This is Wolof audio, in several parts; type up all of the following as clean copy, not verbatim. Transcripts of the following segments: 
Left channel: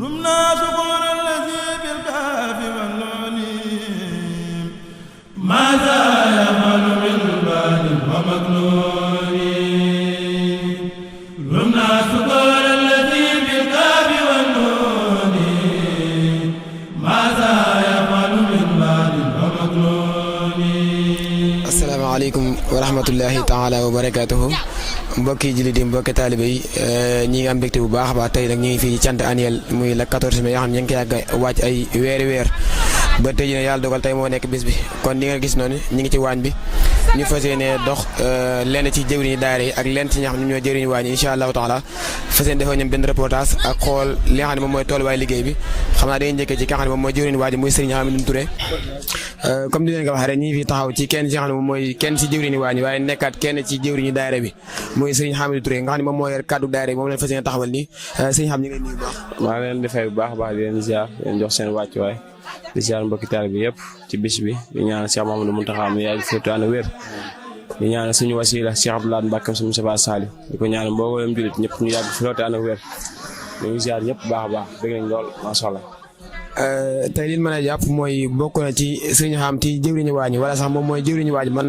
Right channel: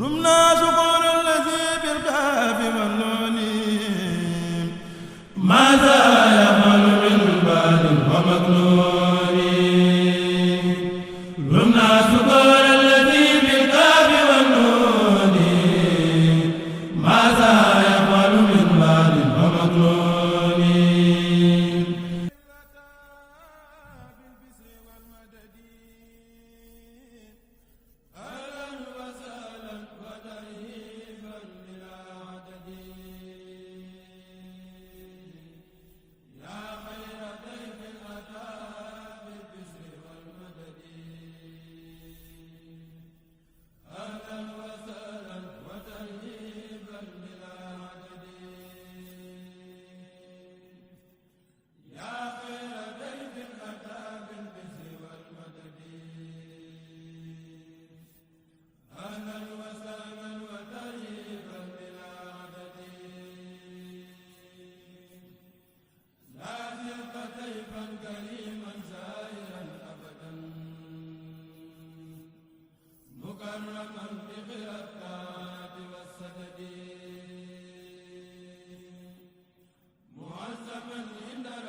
رمنا شكر الذي بالكاف والنون ماذا يفعل من بعد ومكنون رمنا شكر الذي بالكاف والنون ماذا يفعل من بعد ومكنون. asalaamaaleykum wa rahmatullahi taala wa barakaatuhu. mbokki jullit yi mbokki taalibe yi ñi ngi am mbégte bu baax a baax tey nag ñu ngi fii ci cant annuel muy la 14 mai yoo xam ne ñu ngi koy yàgg a wàcc ay weer ba tey jii yàlla dogal tey moo nekk bis bi kon li nga gis noonu ñu ngi ci waañ bi ñu fas yéene dox lenn ci jëwriñu daara yi ak lenn ci ñi nga xam ne ñoo jëwriñu waañ yi incha allahu taala fas yéene defoo ñoom benn reportage ak xool li nga xam ne moom mooy tolluwaay liggéey bi xam naa dañuy njëkkee ci ki nga xam ne moom mooy jëwriñu waañ muy Serigne Hamidou Touré comme ni leen ko waxee rek ñu ngi fi taxaw ci kenn ci nga xam ne moom mooy kenn ci jëwriñu waañ waaye nekkaat kenn ci jëwriñu daara bi muy Serigne Hamidou Touré nga xam ne moom moo yor kàddu daara bi moom leen fas yéene taxawal nii Serigne xam ñu ngi nuyu bu baax. maa leen di fay bu baax a baax di leen ziar leen jox seen wàccuwaay di ziar mbokki taalibe bi yëpp ci bis bi di ñaanal Cheikh Mamadou Mountakha mu yàgg fi ànd wér di ñaanal suñu wasila Cheikh Abdoulaye Mbacke suñu Moustapha Sali di ko ñaanal mboolem jullit ñëpp ñu yàgg fi ànd wér ñu ngi ziar ñëpp baax a baax dégg nañ lool macha allah. tey li mën a jàpp mooy bokk na ci Serigne Xam ci jëwriñu waañ wala sax moom mooy jëwriñu waañ mën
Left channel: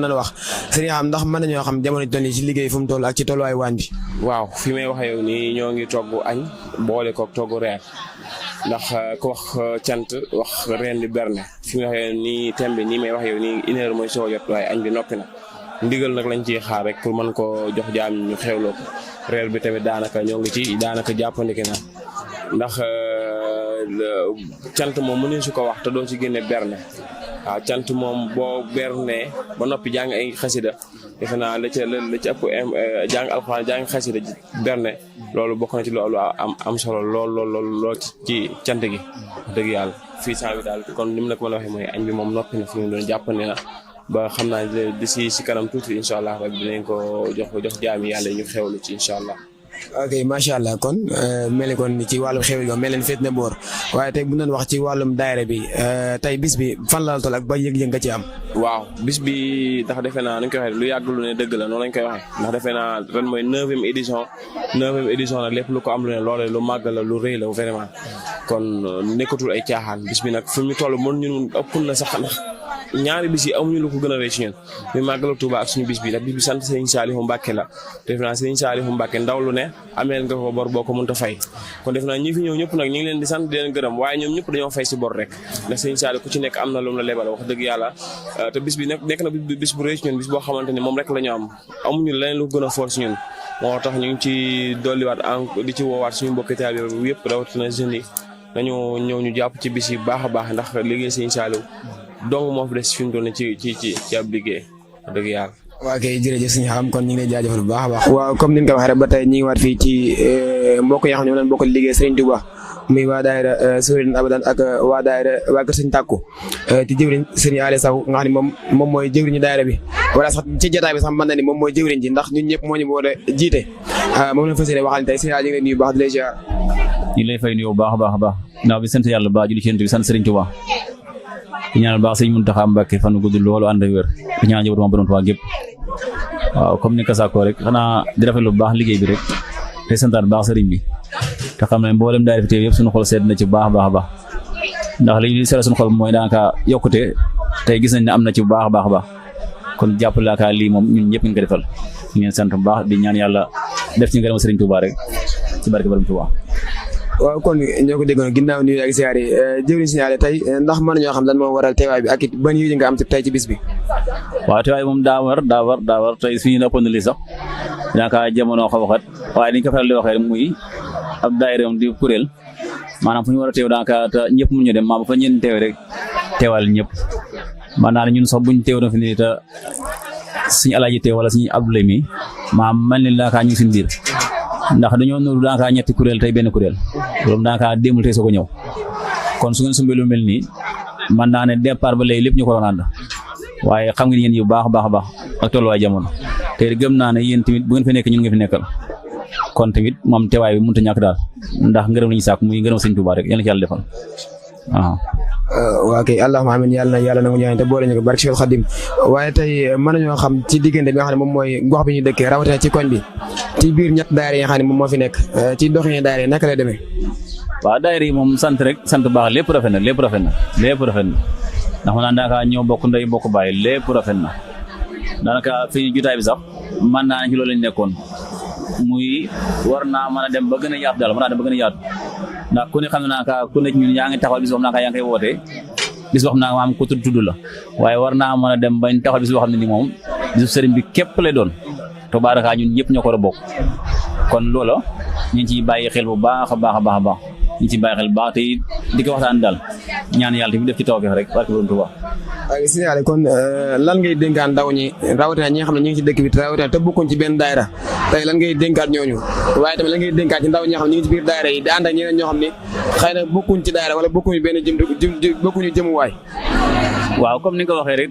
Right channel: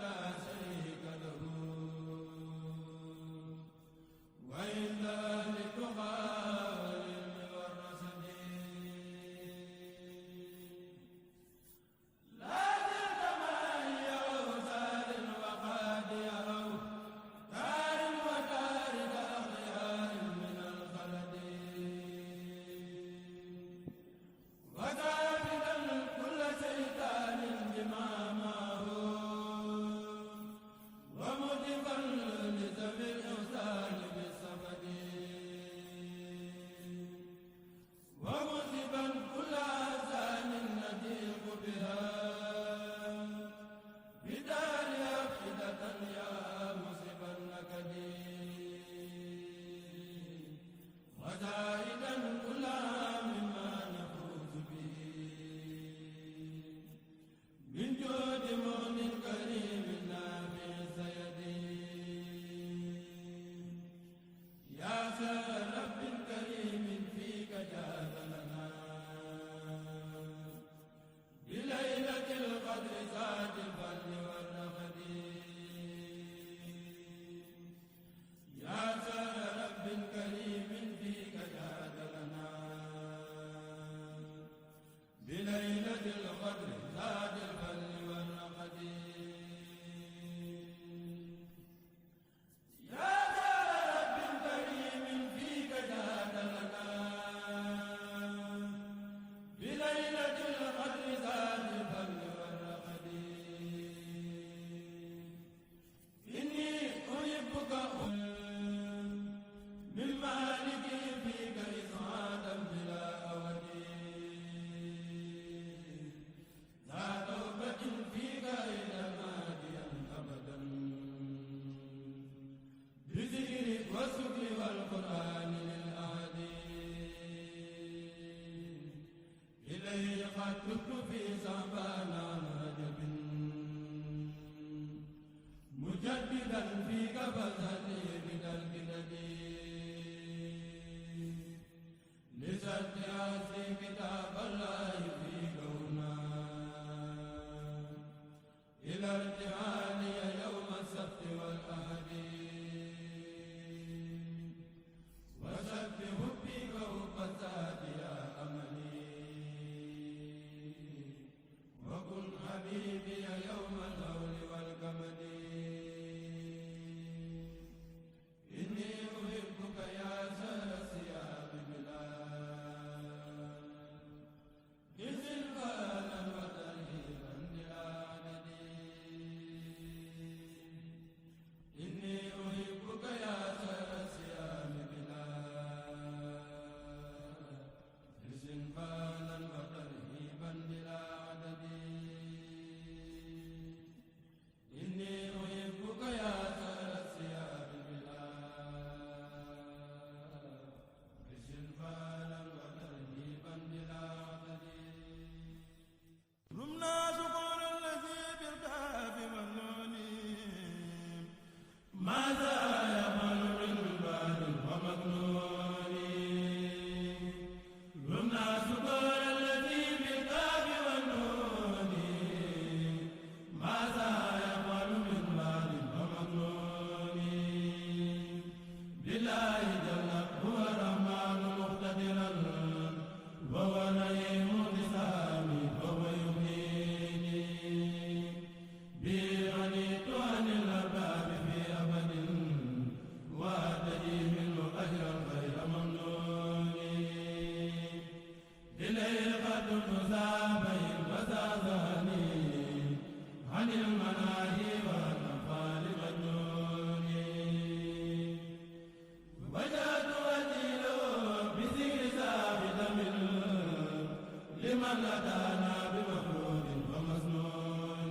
nañu wax Serigne Xam ndax mën nañoo xam jamono ji toll nii ci liggéey fu mu toll ak ci tolluwaay waañ bi. waaw fi may wax yow nii ñoo ngi togg añ boole ko togg reer ndax ku wax cant wax reen di berne fi may wax yow nii thème bi nii may wax yow nii une heure mooy soo jot waaye añ bi noppi na ndigal nag lañ ciy xaar rek pour mën koo jox jaam ñu xewloo ko reer bi tamit daanaka ñoo ngi ci daanaka jàppandiki na ndax cant moom mënuñ su ko wax te doo ci génne berne waaw cant moom boo bernee ba noppi jàng ay xasida defe naa la ci ëpp jàng alxuraan jàng xasida berne loolu bokk na ci loolu am solo lool ci cant gi dëgg yàlla fii saa bi daal kon ni mu la ko mën a waxee mooy añ bi moom noppi na fi mu doon jàppandi na ba xam naa d'ici si kanam tuuti incha allah rek dinañ ko jox jaami yàlla ñu xewlu ci incha allah. ok macha allah kon mel ni kon ci wàllum xew yi mel leen féet na boor waaye tey bu ñu doon wax ci wàllum daayira bi tey bis bi fan la toll ak ba yëg-yëg nga ci am. waaw bis bi ndax defe naa nañ koy waxee lu yàgg lu ne dëgg la noonu lañ koy waxee ndax defe naa ren mooy 9e édition nag lépp lu ko am lu ne loolee lu màgg la lu rëy la vraiment kon nekkatul ay caaxaan bis bi nag fi mu toll mën ñun ëpp na sax ndax ñaari bis yi amuñu lu ko gën a rëy ci ñun muy màggalu Tuuba ak suñu bis bi ndax bis bi sant Serigne Saliou Mbacke la defe naa Serigne Saliou Mbacke ndaw lu ne ameel nga ko bor boo ko mënta fay kon def naa ñi fi ñëw ñëpp nag ñu ngi leen di sant di leen gërëm waaye ñoom ñëpp dañoo fay si bor rek ndax Serigne Saliou ku ci nekk am na lu mu la lebal wax dëgg yàlla te bis bi nekk na bis bu rëy ci ñun bis boo xamante ni moom rek la ñu am amuñu leneen lu gën a fort si ñun moo tax ñu ngi ci dolliwaat di ci woowaat suñu mbokki taalibe bi yëpp rawatina jeunes yi nañu ñëw ñu jàpp ci bis yi baax a baax ndax liggéey Serigne Saliou donc moo fi des fi mu doon ci ab liggéey wax dëgg yàlla. waaw kay jërëjëf Serigne Xam kon ñu ngi lay jaajëfal bu baax a baax. waaw comme ni nga ko waxee rek ba tey ñu ngi waat fii ci mbokk yi nga xam ne ñoo leen bokk liggéey Serigne Touba muy waa daayira Sowrin Abadan ak waa daayira waa Kër Serigne Takku ci jëwriñ Serigne Aliou Sow nga xam ne moom mooy jëwriñu daayira bi wala sax ci jotaay bi sax mën na ni moom mooy jëwriñ ji ndax ñun ñëpp moo ñu war a jiite moom la fas yéene waxal tey Serigne Aliou ñu ngi lay nuyu bu baax di lay ziar. ñu lay fay nuyu bu baax a baax a baax naaw bi sant yàlla bu baax julli ci Yonent bi sant Serigne Touba di ñaanal baax Serigne Mountakha Mbacké fan gudd loolu ànd ak wér di ñaanal njabootu Borom Tuubaa gépp waaw comme ni ko sàkkoo rek xanaa di rafetlu bu baax liggéey bi rek te santaan baax sëriñ bi te xam ne mboolem daayira fi teew yëpp suñu xol sedd na ci bu baax a baax a baax ndax li ñu seetlu suñu xol mooy daanaka yokkute tey gis nañ ne am na ci bu baax a baax a baax kon jàppale laa kaa lii moom ñun ñëpp ñu ko defal ñu ngeen sant bu baax di ñaan yàlla def ci ngërëm sëriñ Touba rek ci barke Borom Touba. waaw kon ñoo ko déggoon ginnaaw nuyu ak ziar yi jëwriñ signalé tey ndax mën nañoo xam lan moo waral teewaay bi ak it ban yéene nga am tey ci bis bi. waaw teewaay moom daa war tey suñu ëppoon na lii sax daanaka jamono xaw a xat waaye niñ ko faral di waxee muy ab daayira di kuréel maanaam fu ñu war a teew daanaka te ñëpp mu ñu dem maanaam fa ñeen teew rek teewal ñëpp maanaam ñun sax buñ teew na fi nii te suñu alaaji teew wala suñu Abdoulaye mi maanaam mel ni daanaka ñu ngi suñu biir ndax dañoo nuru daanaka ñetti kuréel tey benn kuréel loolu daanaka démul tey soo ko ñëw kon su ngeen sumbee lu mel nii man naa ne départ ba léegi lépp ñu ko doon ànd waaye xam ngeen yéen yu baax a baax ak tolluwaay jamono te gëm naa ne yéen tamit bu ngeen fi nekk ñun nga fi nekkal kon tamit moom teewaay bi mënut a ñàkk daal ndax ngërëm la ñu sàkk muy ngërëm Sëñ Tuubaa rek yàlla na ci yàlla defal waaw. waa kay allahumma amiin yàlla na nga ñaan te boole ñu ko barke Cheikh Khadim waaye tey mën nañoo xam ci diggante bi nga xam ne moom mooy gox bi ñu dëkkee rawatina ci koñ bi ci biir ñett daayira yi nga xam ne moom moo fi nekk ci doxin daayira yi naka lay demee. waaw daayira yi moom sant rek sant baax lépp rafet na ndax ma naan daanaka ñoo bokk ndey bokk bàyyi lépp rafet na daanaka fii jotaay bi sax man naa ne ci loolu lañ nekkoon muy war naa mën a dem ba gën a yaatu daal ndax ku ne xam naa ka ku ne ñun yaa ngi taxawal bis boo xam naa yaa ngi koy wootee bis boo xam naa maam ko tudd la waaye war naa mën a dem bañ taxawal bis boo xam ne ni moom bisu sëriñ bi képp lay doon te baaraka ñun ñëpp ñoo ko war a bokk kon loola ñu ngi ciy bàyyi xel bu baax a baax ñu ci bàyyi xel bu baax te di ko waxtaan daal ñaan yàlla tamit def ci tawfeex rek barke Borom Tuubaa. maa ngi signalé kon lan ngay dénkaan ndaw ñi rawatina ñi nga xam ne ñu ngi ci dëkk bi rawatina te bokkuñ ci benn daayira tey lan ngay dénkaat ñooñu waaye tamit lan ngay dénkaat ci ndaw ñi nga xam ne ñu ngi ci biir daayira yi di ànd ak ñeneen ñoo xam ne xëy na bokkuñ ci daayira wala bokkuñu benn bokkuñu jëmuwaay. waaw comme ni nga ko waxee rek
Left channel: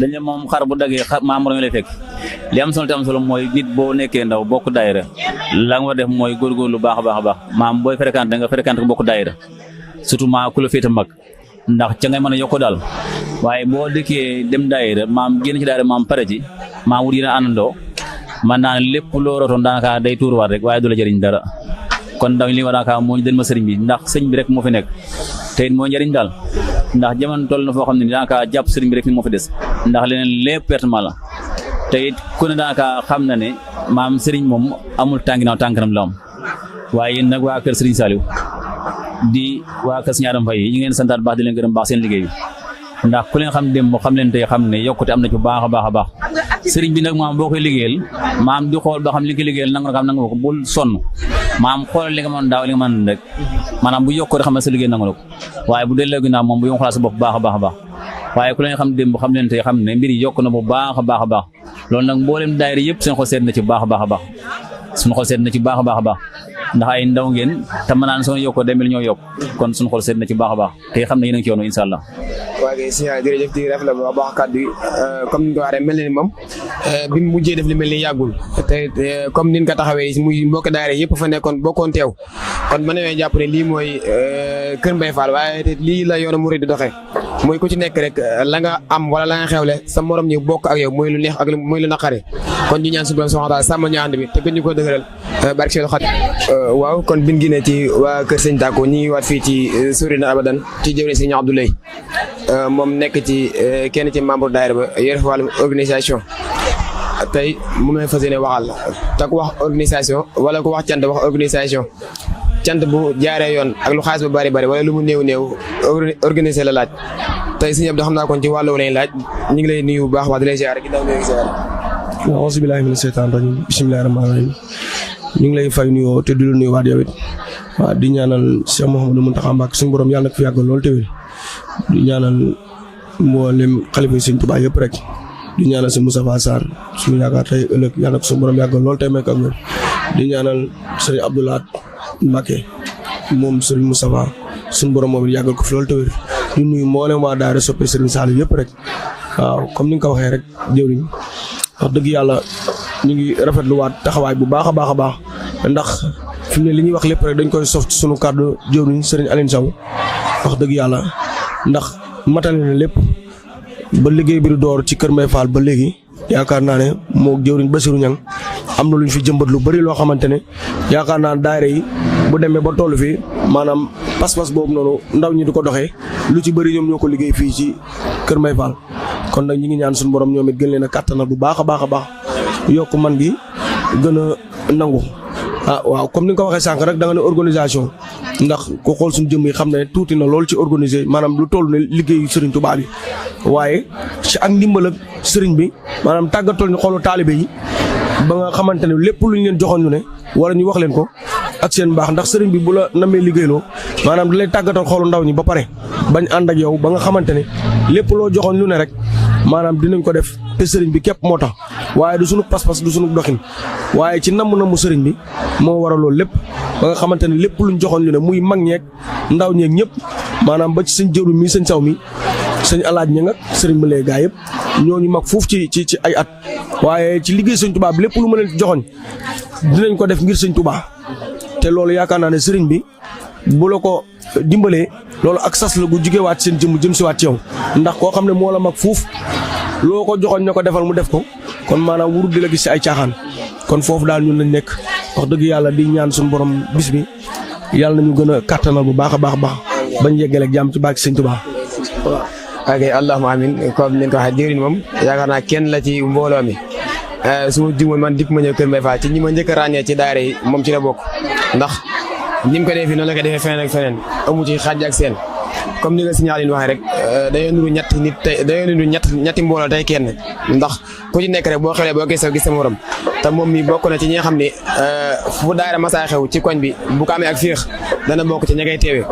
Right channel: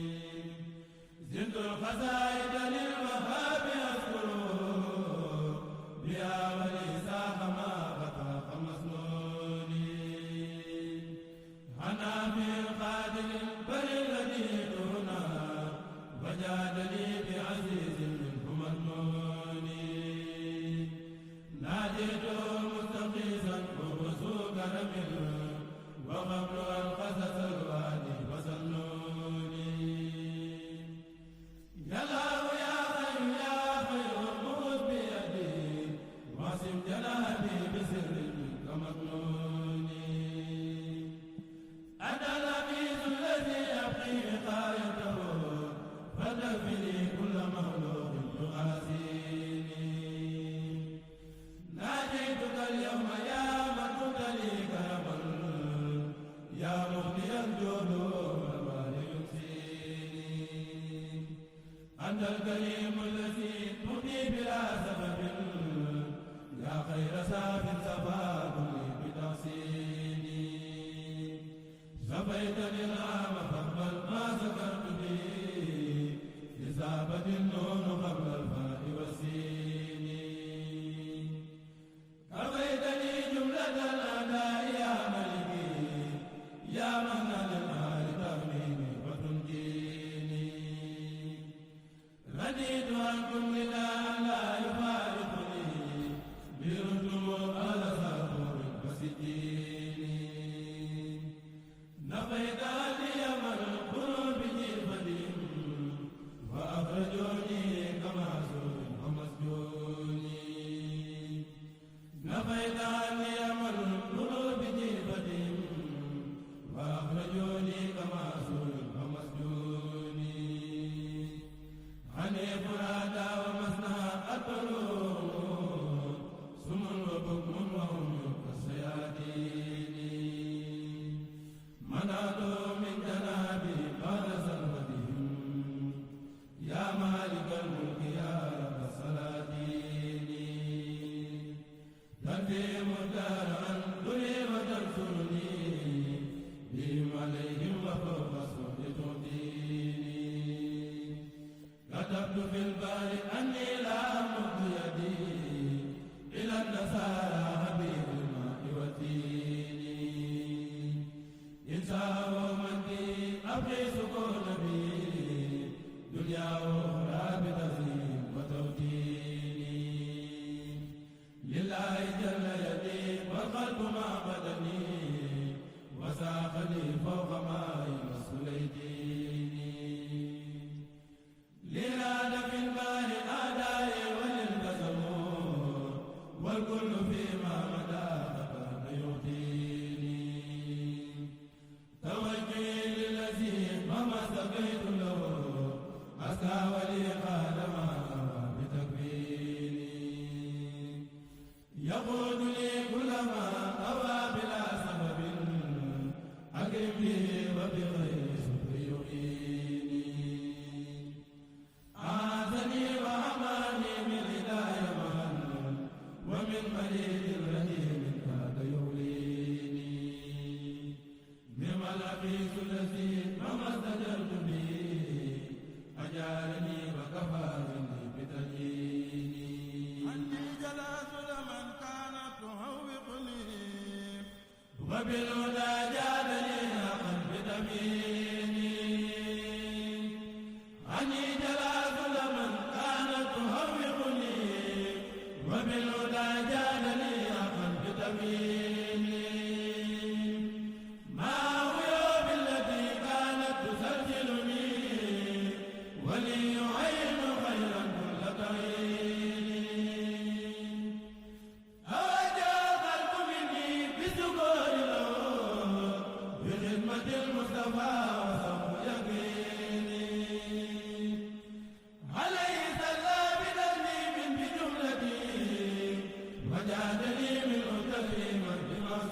dañ ne moom xar bu daggee membre ñu lay fekk li am solo te am solo mooy nit boo nekkee ndaw bokk daayira la nga war def mooy góorgóorlu baax a baax maam booy fréquenté nga fréquenté ko bokk daayira surtout maa ku la féete mag ndax ca ngay mën a yokk daal waaye boo dëkkee dem daayira maam génn ci daayira maam pare ci maam wut yéen a àndandoo man naa ne lépp loo rootoon daanaka day tuuruwaat rek waaye du la jëriñ dara kon ndaw li war daanaka moo ñu den ma sëriñ bi ndax sëñ bi rek moo fi nekk te it moo njëriñ daal ndax jamono toll na foo xam ne daanaka jàpp sëriñ bi rek fi moo fi des ndax leneen lépp pertement la te it ku ne daanaka xam na ne maam sëriñ moom amul tànginaaw tànkanam la am waaye yéen nag waa kër Sëriñ Saliou di waa kër Sëriñ Adam Faye yi ñu ngeen santaat baax di leen gërëm baax seen liggéey bi ndax ku leen xam démb xam leen tey xam ne yokkute am na ci bu baax a baax sëriñ bi nag maam boo koy liggéeyal maam di xool ba xam li nga liggéeyal nanga xam nanga ko bul sonn maam xoolal li nga mën daaw li nga mën rek maanaam bu yokkoo rek xam ne sa liggéey nanga la ko waaye bu delloo ginnaaw moom bu ñu xoolaat sa bopp baax a baax waaye ku leen xam démb xam leen tey xam ne mbir yi yokk na bu baax a baax loolu nag mboolem daayira yëpp seen xol seet na ci baax a baax suñu xol seet na ci baax a baax ndax ay ndaw ngeen te mën naan soo yokkoo demel ñoo yokk kon suñu xol seet na ci baax a baax te xam ne yéen a ngi ci yoonu incha allah. waa kay si jërëjëf di rafetlu bu baax kàddu yi comme ni nga ko waxee mel na ni moom bi mu mujjee def li mel ni yàggul te comme ni nga ko taxawee muy mbokk daayira yëpp fa nekkoon bokkoon teew kon mën nañoo jàpp ne lii mooy Kër Mbaye Fall waaye lii la yoonu murid di doxee mooy ku ci nekk rek la nga am wala la nga xewle sa morom ñi bokk ak yow mooy lu neex ak mooy lu naqare kon ñu ñaan suñu soxna daal sàmm ñu ànd bi te gën ñu ko dëgëral barke Seydou Khadim. waaw kon biñ ginee ci waa Kër Sëñ Tako ñi ngi waat fii ci Sorina Abadan ci jëwriñ Sëñ Abdoulaye moom nekk ci kenn ci membre daayira ba yore fa wàllum organisation tey mu may fas yéene waxal te ku wax organisation wala ku wax cant wax organisation cant bu jaaree yoon ak lu xaalis ba bari wala lu mu néew organiser la laaj tey si ñëpp da xam naa kon ci wàllu lañ laaj ñu ngi lay nuyu bu baax wax di lay ziar ginnaaw nuyu ziar. auzu billaahi mina sheytaani rajiim bismillaahi rahmaani rahiim ñu ngi lay fay nuyoo te di la nuyu waat yow it waaw di ñaanal Cheikh Mouhamadou Mountakha Mbacké suñu borom yàlla na ko fi yàggal lool teewul di ñaanal mboolem xalifa yi Sëñ Tuubaa yëpp rek di ñaanal si Moustapha Sarr suñu yaakaar tey ëllëg yàlla na ko suñu borom yàggal lool tey may ko ak ñoom di ñaanal Serigne Abdou Lahad Mbacké moom Serigne Moustapha suñu borom moom it yàggal ko fi lool teewul di nuyu mboolem waa daara soppe Serigne Saliou yëpp rek waaw comme ni nga ko waxee rek jëwriñ wax dëgg yàlla ñu ngi rafetluwaat taxawaay bu baax a baax ndax fi mu ne li ñuy wax lépp rek dañ koy sof ci sunu kàddu jëwriñ Serigne Aline Sow wax dëgg yàlla ndax matale na lépp ba liggéey bi du door ci Kër Mbaye Fall ba léegi yaakaar naa ne moo jëwriñ Bassirou Niang am na lu ñu fi jëmbat lu bëri loo xamante ne yaakaar naa daayira yi bu demee ba toll fii maanaam pas-pas boobu noonu ndaw ñi di ko doxee lu ci bëri ñoom ñoo ko liggéey fii ci Kër Mbaye Fall kon nag ñi ngi ñaan suñu borom ñoom it gën leen a kàttanal bu baax a baax yokk man gi gën a nangu waaw comme ni nga ko waxee sànq rek da nga ne organisation ndax ku xool suñu jëm yi xam ne tuuti na lool ci organiser maanaam lu toll ne liggéeyu Serigne Touba bi waaye ci ak ndimbal ak Serigne bi maanaam tàggatal ñu xoolu taalibe yi ba nga xamante ne lépp lu ñu leen joxoon ñu ne wala ñu wax leen ko ak seen baax ndax Serigne bi bu la namee liggéeyloo maanaam da lay tàggatal xoolu ndaw ñi ba pare bañ ànd ak yow ba nga xamante ne lépp loo joxoon lu ne rek maanaam dinañ ko def te Serigne bi képp moo tax waaye du sunu pas-pas du sunu doxin waaye ci namm Serigne bi moo waral loolu lépp ba nga xamante ne lépp luñ joxoon ñu ne muy mag ñeeg ndaw ñeeg ñëpp maanaam ba ci sëñ jëru mi sëñ saw mi sëñ alaaj ña nga Serigne bi lay gaa yëpp ñooñu mag foofu ci ay at waaye ci liggéey sëñ Touba bi lépp lu ma leen joxoon dinañ ko def ngir sëñ Touba te loolu yaakaar naa ne Serigne bi bu la ko dimbalee loolu ak sas la gu jugewaat seen jëm si waat ci yow ndax koo xam ne moo la mag fuuf loo ko joxoon ñoo ko defal mu def ko kon maanaam wurut di la gis ci ay caaxaan kon foofu daal ñun lañ nekk wax dëgg yàlla di ñaan suñu borom bis bi yàlla nañu gën a kattanal bu baax a baax bañ yeggale ak jàmm ci barke Sëñ Tuubaa. ok allahumma amin comme ni nga ko waxee jëriñ moom yaakaar naa kenn la ci mbooloo mi su ma juumee man dikk ma ñëw Kër Mbaye Fall ci ñi ma njëkk a ràññee ci daayira yi moom ci la bokk ndax ni mu ko defee noonu la ko defee feneen ak feneen amu ci xàjj ak seen comme ni nga signalé waxee rek dañoo nuru ñetti nit tey dañoo nuru ñetti mbooloo tey kenn ndax ku ci nekk rek boo xewlee boo gisee gis sa morom te moom mi bokk na ci ñi nga xam ne fu daayira masaa xew ci koñ bi bu ko amee ak féex dana bokk ci ña koy teewee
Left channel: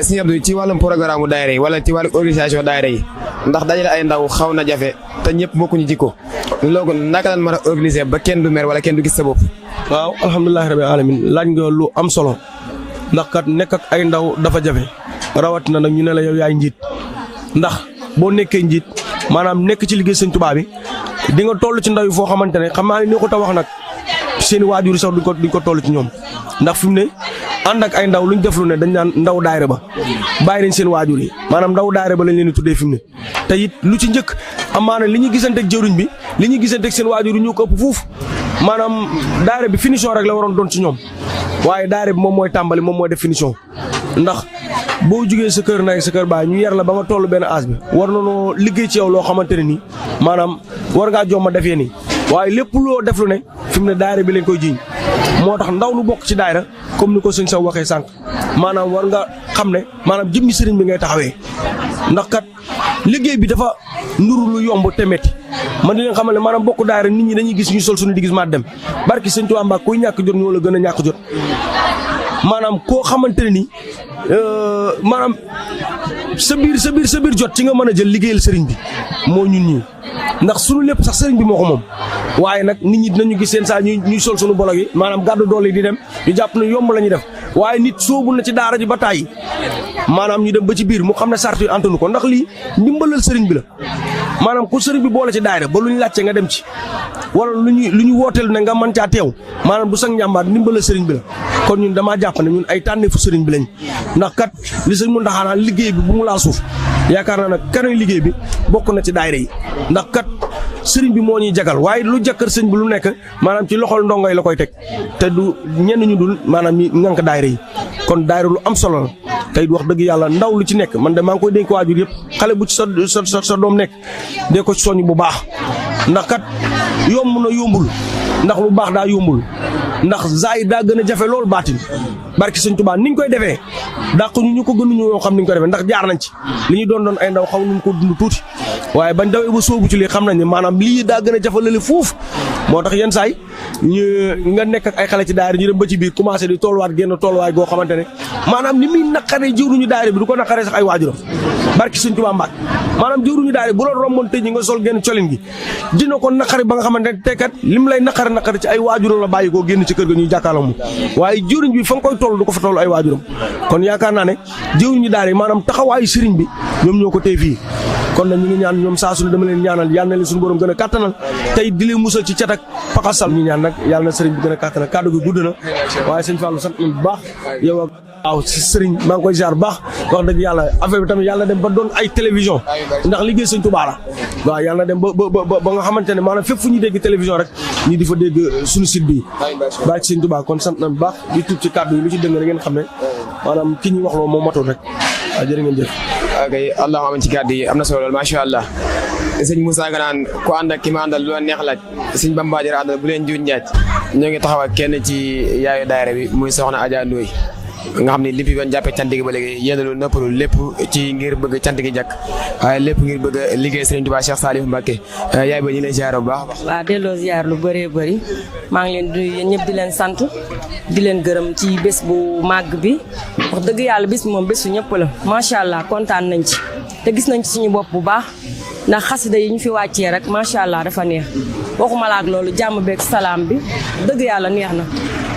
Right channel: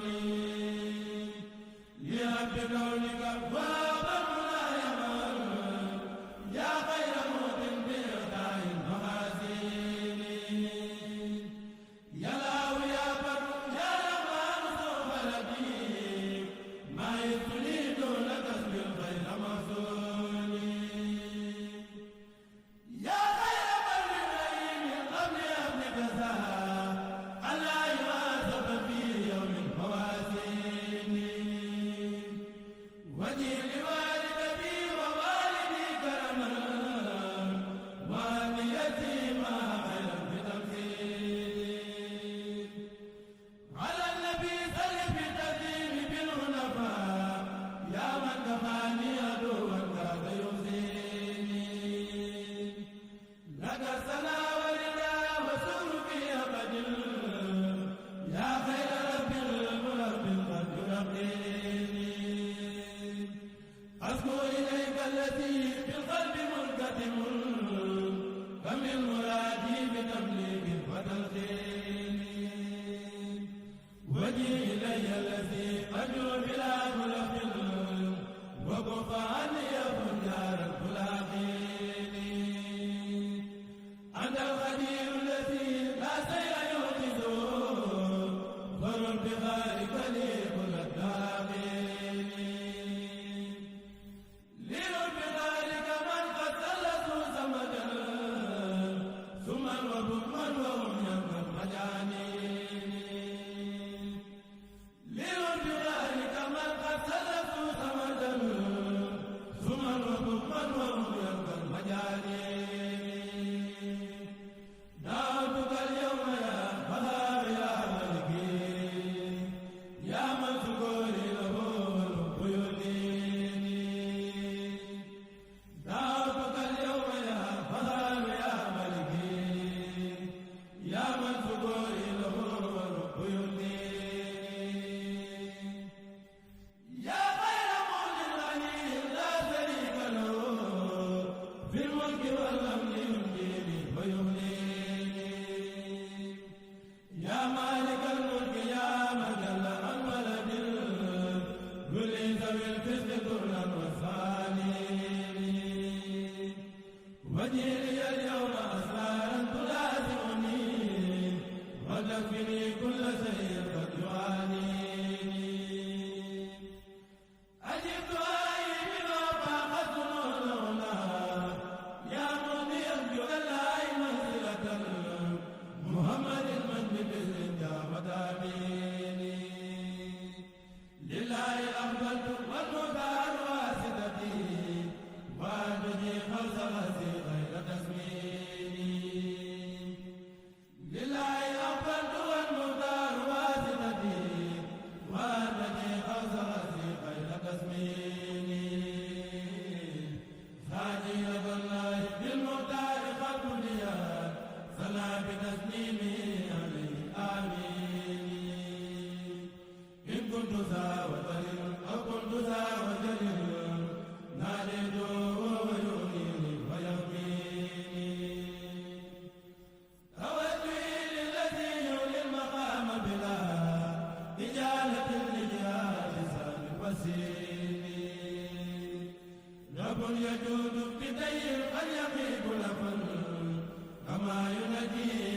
Sëñ Abdou ci wàllum programme daayira yi wala ci wàllum organisation daayira yi ndax dajale ay ndaw xaw na jafe te ñëpp bokkuñu jikko loolu naka lañ mën a organiser ba kenn du mer wala kenn du gis sa bopp. waaw alhamdulilah rabbil alamin laaj nga lu am solo ndax kat nekk ak ay ndaw dafa jafe rawatina nag ñu ne la yow yaay njiit ndax boo nekkee njiit maanaam nekk ci liggéey Sëñ Tuubaa bi di nga toll ci ndaw yi foo xamante ne xam naa ne ñoo ko ta wax nag seen i waajur sax duñ ko toll ci ñoom ndax fi mu ne ànd ak ay ndaw luñ def lu ne dañ naan ndaw daayira ba bàyyi nañ seen waajur yi maanaam ndaw daayira ba lañ leen di tuddee fi mu ne te it lu ci njëkk amaana li ñuy gisanteeg jëriñ bi li ñuy gisanteeg seen waajur yi ñu ko ëpp fuuf maanaam daayira bi finition rek la waroon doon ci ñoom waaye daayira bi moom mooy tàmbali moom mooy def finition ndax boo jugee sa kër ndey sa kër baay ñu yar la ba nga toll benn âge bi war na noo liggéey ci yow loo xamante ne nii maanaam war ngaa jomma defee nii waaye lépp loo def lu ne fi mu ne daayira bi lañ koy jiiñ moo tax ndaw lu bokk ci daayira comme ni ko sëñ Sow waxee sànq maanaam war nga xam ne maanaam jëmmi sëriñ bi ngay taxawee ndax kat liggéey bi dafa nuru lu yomb te metti man di leen xamal ne maanaam bokk daayira nit ñi dañuy gis ñu sol suñu di gis maa dem barki sëñ Tuubaa Mbàkke kuy ñàkk jot ñoo la gën a ñàkk jot maanaam koo xamante ne ni maanaam sa biir jot ci nga mën a jël liggéeyal sëriñ bi moo ñun ñii ndax suñu lépp sax sëriñ bi moo ko moom waaye nag nit ñi dinañu gis seen saa ñuy sol suñu bolog yi maanaam gàddu doole yi di dem ñu jàpp ne yomb la ñuy def waaye nit soobu na ci daara ji ba tàyyi maanaam ñu dem ba ci biir mu xam ne sart yi antanu ko ndax lii ndimbalal sëriñ bi la maanaam ku sëriñ bi boole ci daayira ba lu ñu laajte nga dem ci wala lu ñu wooteel ne nga mën caa teew maanaam du sax njàmbaar ndimbalal sëriñ bi la kon ñun damaa jàpp ne ñun ay tànneefu sëriñ bi lañ ndax kat li sëñ mun taxaanaan liggéey bi bu mu laal suuf yaakaar naa nag kanay liggéey bi bokk na ci daayira yi ndax kat sëriñ bi moo ñuy jagal waaye lu jàkkar sëriñ bi lu nekk maanaam ci loxol ndongo yi la koy teg te du ñenn ñu dul maanaam ñi ngànk daayira yi kon daayira lu am solo la tey wax dëgg yàlla ndaw lu ci nekk man de maa ngi koy dénk waajur yëpp xale bu ci sa doom nekk dee ko ci soññ bu baax ndax kat yomb na yombul ndax lu baax daa yombul ndax zaahir daa gën a jafe loolu baatin barki sëñ Tuubaa niñ koy defee dàq ñu ko gënuñu ñoo xam niñ ko defee ndax jaar nañ ci li ñu doon ay ndaw xaw nañ ko dund tuuti waaye bañ dawee ba sóobu ci lii xam nañ ne maanaam lii daa gën a jafe lale fuuf moo tax yenn saay ñu nga nekk ak ay xale ci daayira ñu dem ba ci biir commencé di tolluwaat génn tolluwaay goo xamante ne maanaam ni muy naqaree jëwruñu daayira bi du ko naqaree sax ay waajuram barki sëñ Tuubaa Mbàkke maanaam jëwruñu daayira bu loolu romboon tëj ñi nga sol génn colin gi dina ko naqari ba nga xamante ne tekat lim lay naqari ci ay waajuram la bàyyi koo génn ci kër ga ñuy jàkkaarloo mu waaye jëwriñ bi fa nga koy toll du ko fa toll ay waajuram kon yaakaar naa ne jëwriñu daayira maanaam taxawaayu sëriñ bi ñoom ñoo ko tey fii kon nag ñu ngi ñaan ñoom saa suñu dama leen ñaanal yàlla na leen suñu borom gën a kàttanal tey di leen musal ci cat ak pakasal ñu ñaan nag yàlla na sëriñ bi gën a kàttanal kàddu gi gudd na waaye sëñ Fallou sant nañu bu baax yow ak waaw si sëriñ maa ngi koy ziar bu baax wax dëgg yàlla affaire bi tamit yàlla dem ba doon ay télévision ndax liggéey sëñ Tuubaa la waaw yàlla dem ba nga xamante ne maanaam fépp fu ñu dégg télévision rek ñi di fa dégg suñu site bi bàyyi ci sëñ Tuubaa kon sant nañu bu baax di tuub ci kàddu yi lu ci dëng rek ngeen xam ne maanaam ki ñu wax loo moo matul rek waaw jërë ngeen jëf ok allahumma amin ci kàddu yi am na solo lool macha allah sëñ Moussa nga naan ku ànd ak ki ma àndal lu la neex laaj sëñ Bamba Diarra àndal bu leen juuj njaaj ñoo ngi taxaw ak kenn ci yaayu daayira bi muy soxna Adja Ndoye nga xam ne lépp yoon jàppee cant gi ba léegi yéenalu nëppalu lépp ci ngir bëgg cant gi jàkk waaye lépp ngir bëgg liggéey Sëriñ Tuubaa Cheikh Salif Mbacké yaay ba ñu lay ziar bu baax waaw delloo ziar lu bëree bëri maa ngi leen di yéen ñëpp di leen sant di leen gërëm ci bés bu màgg bi wax dëgg yàlla bés bi moom bésu ñëpp la macha allah kontaan nañ ci te gis nañ ci suñu bopp bu baax ndax xasida yi ñu fi wàccee rek macha allah dafa neex waxuma la ak loolu jàmm beeg salaam bi dëgg yàlla neex na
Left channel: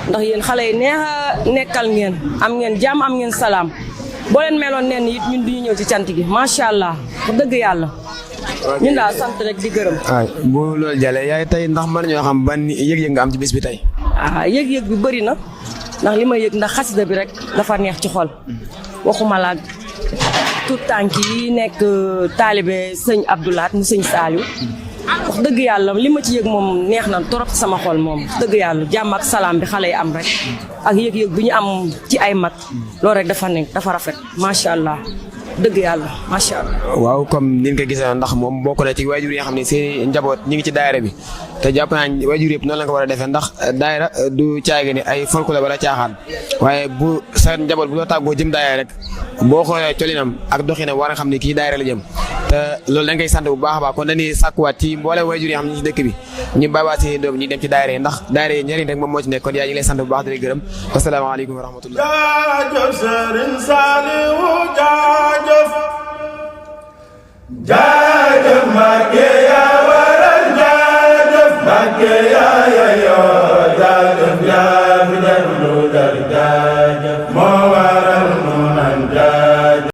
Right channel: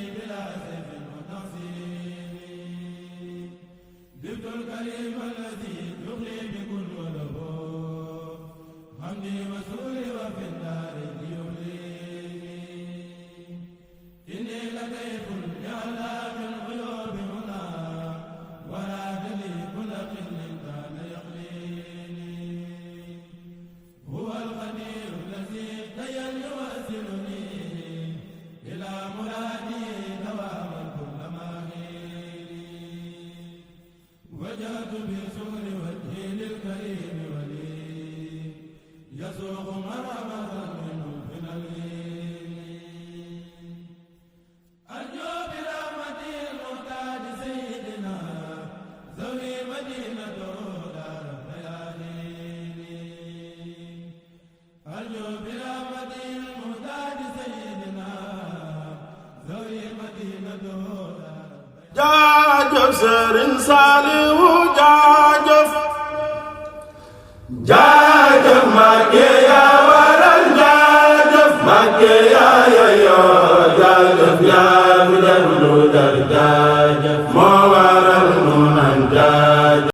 ndax yéen xale yi neex a nekkal ngeen am ngeen jàmm am ngeen salaam boo leen meloon nen it ñun duñu ñëw ci cant gi macha allah wax dëgg yàlla ñun daal sant rek di gërëm. waaw bu loolu jàllee yaay tey ndax mën ñoo xam ban yëg-yëg nga am ci bés bi tey. yëg-yëg bi bëri na ndax li ma yëg ndax xasida bi rek dafa neex ci xol waxuma la tout tànk yi nekk taalibe sëñ Abdoulaat mu sëñ Saliou wax dëgg yàlla li ma ci yëg moom neex na trop sama xol moom wax dëgg yàlla jàmm ak salaam bi xale yi am rek ak yëg-yëg bi ñu am ci ay mag loolu rek dafa rafet macha allah dëgg yàlla macha allah. waaw comme ni nga ko gisee ndax moom bokk na ci waajur yi nga xam ne seen njaboot ñi ngi ci daayira bi te jàpp naa waajur yëpp noonu la ko war a defee ndax daayira du caage ni ay folklore wala caaxaan waaye bu sa njaboot bu loo tàggoo jëm daayira rek boo xoolee colinam ak doxinam war nga xam ne kii daayira la jëm te loolu dañ koy sant bu baax a baax kon dañuy sàkkuwaat ci mboole waajur yi xam ne ci dëkk bi ñu bàyyiwaat seen doom ñi dem ci daayira yi ndax daayira yi njëriñ rek moom moo ci nekk kon yaa ngi lay sant bu baax di lay gërëm asalaamaaleykum wa rahmatullah. jaajëf Serigne Saliou jaajëf jaajëf Mbacké yaa waral jaajëf Mbacké yaa yeyoo jaajëf